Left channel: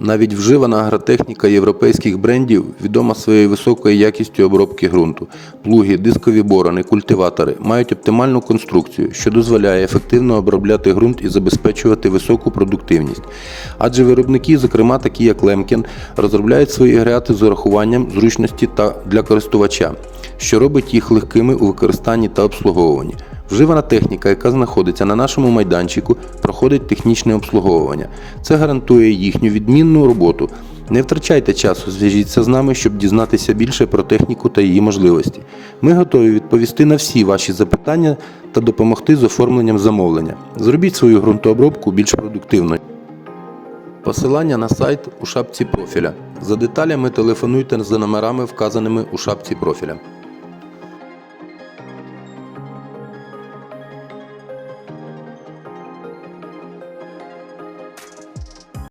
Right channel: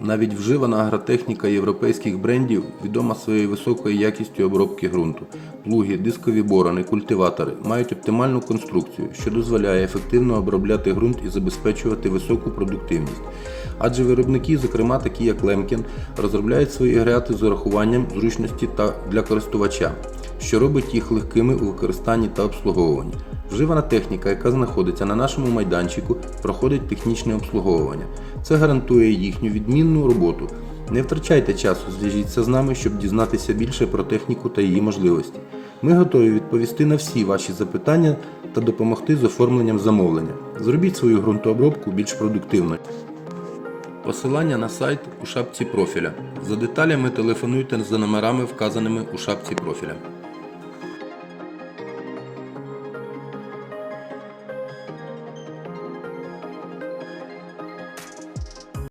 Навіть вживана агротехніка європейських брендів відома своєю високою якістю обробки ґрунту. Плуги, дискові борони, культиватори мають оптимальну конструкцію, що дозволяє ефективно обробляти ґрунт і забезпечувати високу продуктивність. Адже виробники, зокрема такі як Лемкін, розробляють свої агрегати з урахуванням зручності та для користувача, що робить їх легкими у використанні та обслуговуванні. Вживана техніка, яка знаходиться на нашому майданчику, проходить технічне обслуговування. Це гарантує їхню відмінну роботу. Не втрачайте часу, зв'яжіться з нами, щоб дізнатися більше про техніку та її можливості. Ми готові відповісти на всі ваші запитання та допомогти з оформленням замовлення. Зробіть свою ґрунтообробку більш продуктивною. Посилання на сайт у шапці профіля. За деталями телефонуйте за номерами, вказаними у шапці профіля.